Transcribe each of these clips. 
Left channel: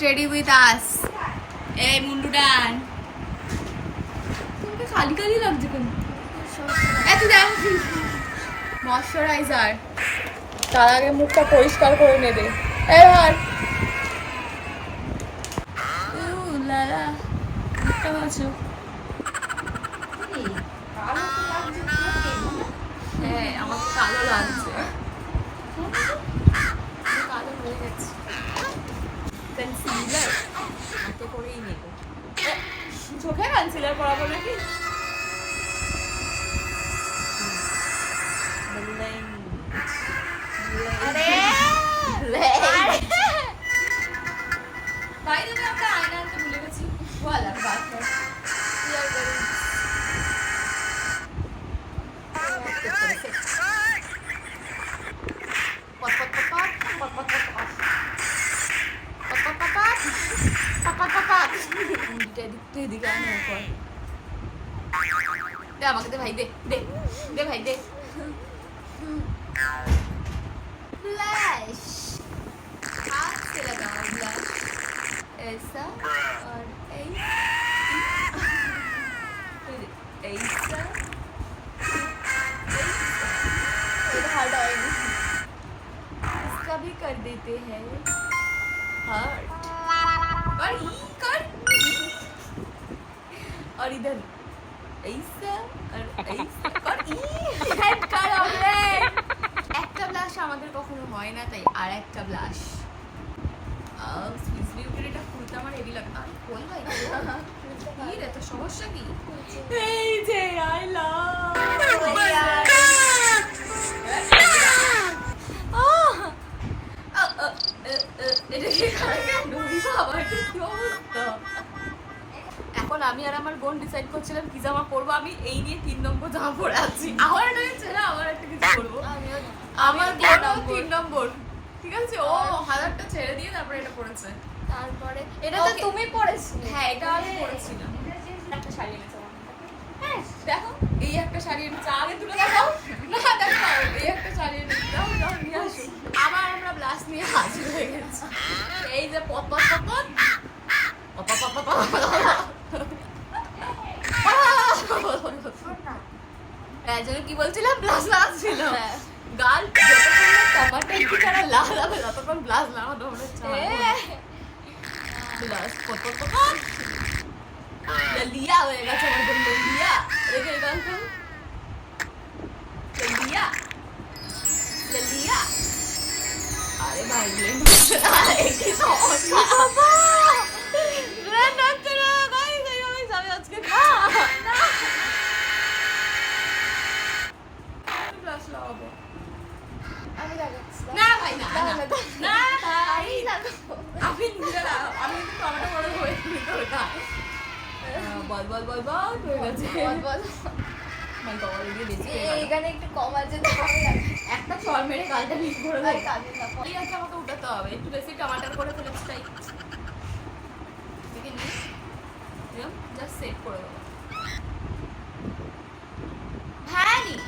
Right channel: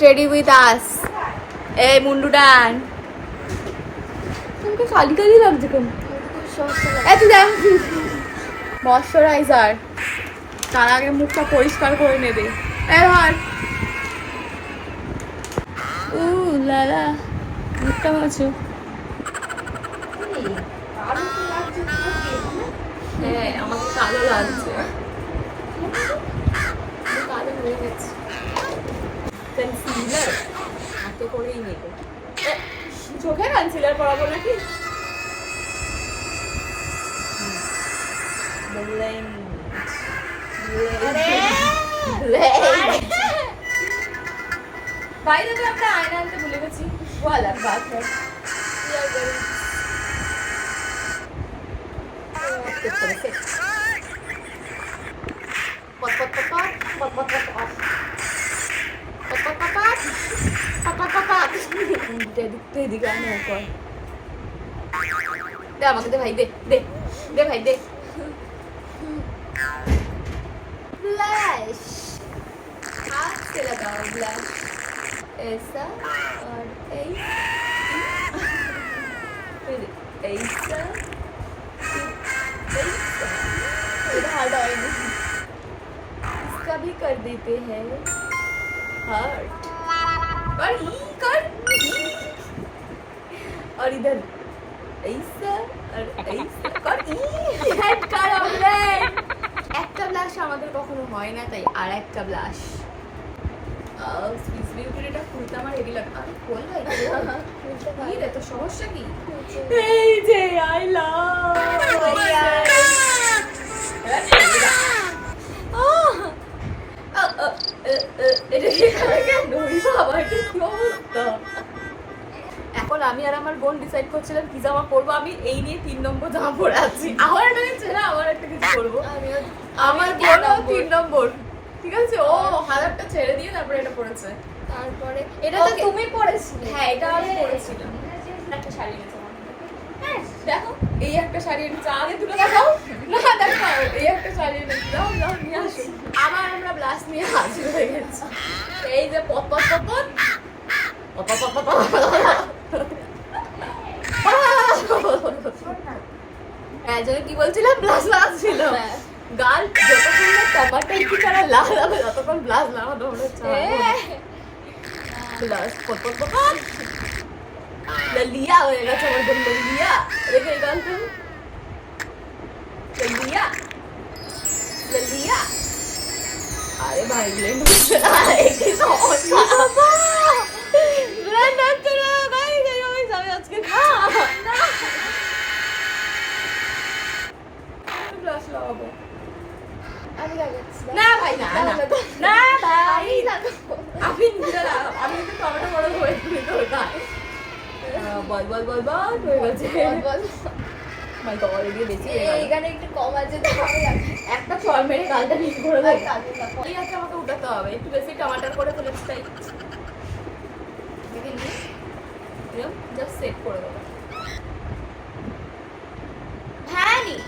Ready with us. এই মুন্ডু ডান তোমাকে কালি কালি লাগছে কেন? এত দেখ ময়শ্চারাইজার, তার আগে মুখটা পরিষ্কার করে নেবে। এই ধর লালা মুখটা মাছো। হ্যাঁ আমাকে কালো লাগছে, কালো হয়ে গেছে। কনসিলার হাতে করেই নেব। চোখে কনসিলার করা বলে কি? বাইরে থেকে একটা আয়না আনতে ভুলে গেছি। वो अलग बात है। दे আমাকে দে ভাই, দে দে দে ভাই দে। ब्लश हाथ से लगाओ ब्लश ऐसा और फिर ऐसा फिर हार्ड ऑयल इसका भी कर देते हैं हार्ट कर और इधर ऐसा और ऐसा कर একটা ব্লাশ আমাদের কখনো হয় না, তাই আর একটা ব্লাশ। সুইস বিউটির এটা খুলতে আমার হেভি লাগে। আরে খোল ভাই, খুলতে রে, তো সমস্যা কি? এই যে আই লাভ এখন আমি আর আমার বোন ডিসাইড করছিলাম কি জামা পরবো। আমি এই নিয়ে 3 নম্বর জামা পরে আছি। আমার একটা ছেলে আমার একটা কিছু পরবো। আমার বোনও 3 নম্বর, ঠিক আছে? ও হাজারটা ছেড়ে দিয়ে তারপরে এটা পরেছে। তারপরে এটা তো তুমি পরেছিলে। হ্যাঁ এটা আমি পরেছিলাম। একটা শাড়ি এনেছে আমার। হ্যাঁ দেখো এই একটা শাড়ি এনেছে, আগে দুটো দেখাও না, দেখো এই একটা শাড়ি এনেছে, দাও দাও নিয়ে আসো। আবার আমরা ব্লাশ নিয়ে হাজির হয়ে গেছি। এই যে pop pop pop pop pop pop হ্যাঁ যদি কি বলছিলাম, ব্লাশ লাগাচ্ছিল। গাল যতক্ষণ না টমাটো একটু ছাড়া লাল হবে ততক্ষণ ব্লাশ লাগানো আমরা চাই। ব্লাশ পপ পপ পপ ললিয়া হয়ে গেছে আমার বোন। ললিয়া দেখে এই গান তো ললিয়া ললিয়া। আরে ভাই ব্লেন্ড হচ্ছে না, একটু সমস্যা ব্লেন্ড হচ্ছে না ভাই। এইভাবেই যাবে আজকে না ব্লাশ লাগাবো। আমি লাগাচ্ছি না ভাই, না না না ভাই লাগাবো। আমি নিজে লাগাবো। আমি একটু টমেটো বড় হয়ে গেল। বল বল বল বল হয়ে গেছে। বল মাই বাবা রেডি দেখি এইখানে একটু কম আছে তো ভালো লাগে। একটা চল মেরে গালটা নিচ করে দাও। এই একটা আমাকে উঠাতে হবে, একটু বেশি টমাটার করে ফেলে চাই। দেখেন নি এরকম জাস্ট সেট করে দাও। ভ্যানিশ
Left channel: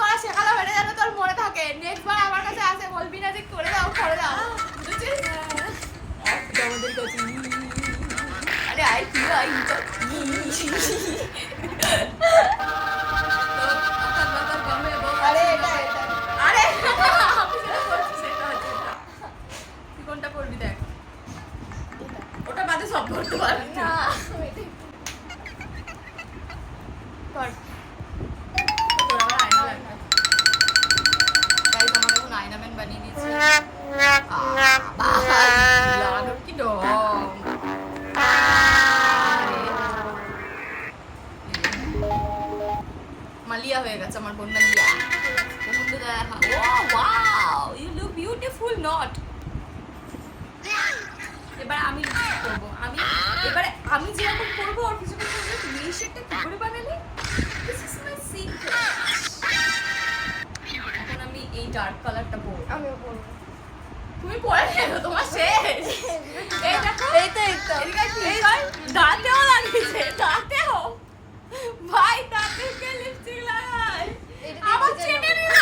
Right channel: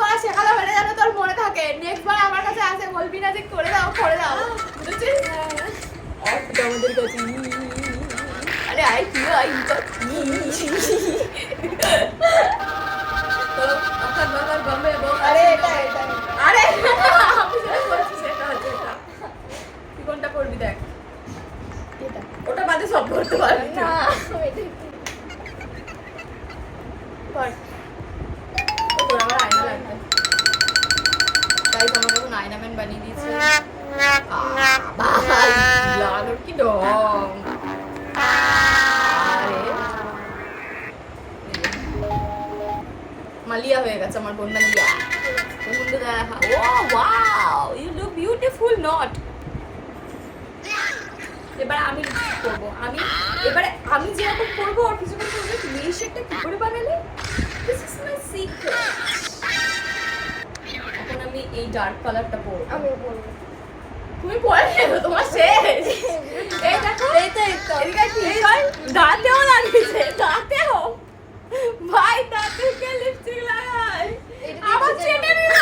করা শেখালো হয়ে যাবে, তোর মনে থাকে। নেক্সট বার আমার কাছে আসে বলবি না যে করে দাও করে দাও, বুঝেছিস? আমাদের কাছে আরে আই কি আই আরে এটা আরে তুই কোনটা করবি দেখ। এটা ওটা বাদে সব করতে পারবি না। কর তোর আবার আয়না লাগবে, তাই তোমাকে এখন আয়নাম্যান বানিয়ে দিয়েছি। লাগানোর কি ডং মালিয়া হয়ে গেছে আমার বোন। Malia wow you look beautiful not. এবার আমি করবো, এবারে আমি যেরকম করবো আর কিছু কিছু তুমি এই শেডটা কি করে বানালে? This is my secret. এখন আমি এই ডার্ক কালারটা পরবো। আমি পরবো, তুমি পরে নেবে, তোমার শেষ। এই দেখো এই তো এদিকে ঠিক হয়। দাঁতেও লাগিয়েছে, দাঁতেও ভাই দাঁতে কে লিপস্টিক লাগায়? আমার চেটে নিল।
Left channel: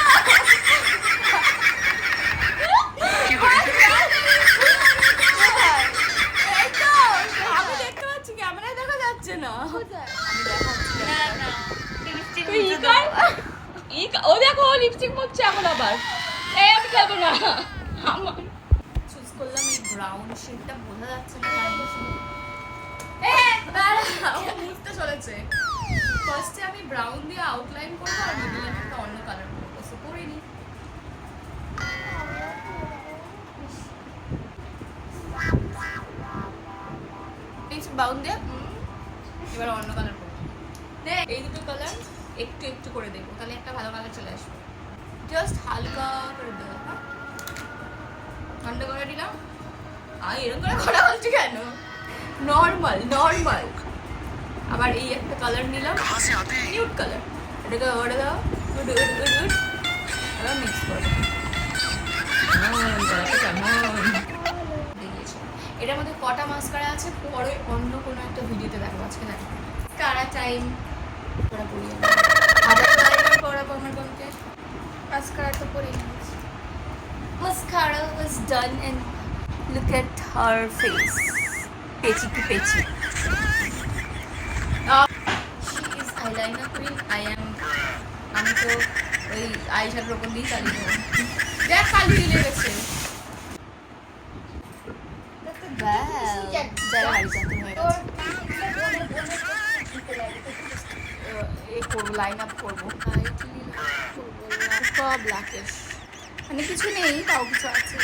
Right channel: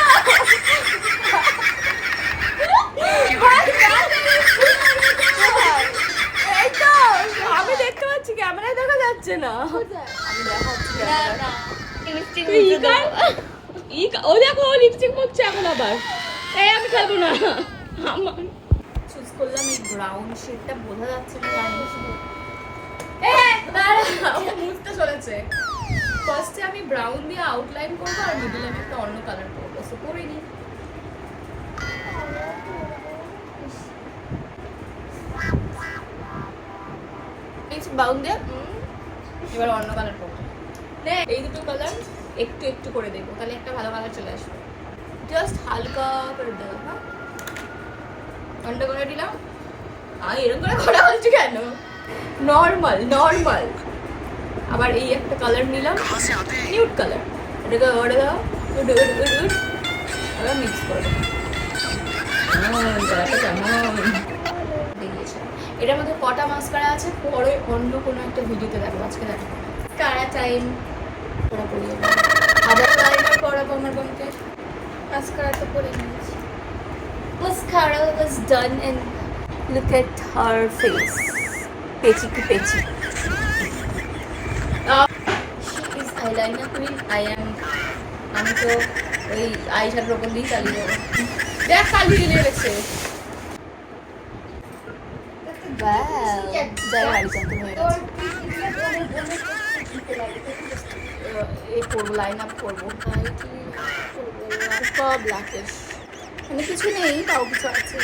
তুই ও দেখো লিপস্টিক মুছছে এখন আবার। এই আমি খাবো না। আমার চুজ করলাম এই ব্রাউন শেডটা, বোঝা যাচ্ছে না আমি মুছতে চলেছে। ফার্স্টে আমি ব্রাউন দিয়ে আউটলাইন করবো আর মিডলে আমি একটা অন্য কালার করবো, সো করে নিই। ব্রাউন দিয়ে এবার অন্য কালার করবো। এই দুটো কালার একটু একটু করে দেবো, তাহলে একটা ভালো কালার চলে আসবে। জাস্ট হালকা করে দেবো। হ্যাঁ ঘন্টা করে দিলাম। আমি এরকম করে করা হচ্ছে কেন? Normal normal. আবার এই একটা কালার নিলাম, নিউড কালার, এটাকে মিক্স করে এটার মধ্যে কটা মাস্কারা আছে পরে অন্য কোনো একটা ভিডিওতে দেখো, আজকে দেখো কারা টাইম ওরা করি। আবার লাইনার করাবো আমার বোনকে। মাস্কারা তো করে নিয়েছি। Mascara is done and look at her face. Pechi ki pechi. She is eyeliner queen. I am. আমি তো ওই আইশ্যাডোর ওপর দিয়ে চালিয়ে যাবো। দেখ কালি লেগে গেছে। লাইন আপ করবো ব্ল্যাকিশ, মানে কিছু নেই তাও কিছু আছে।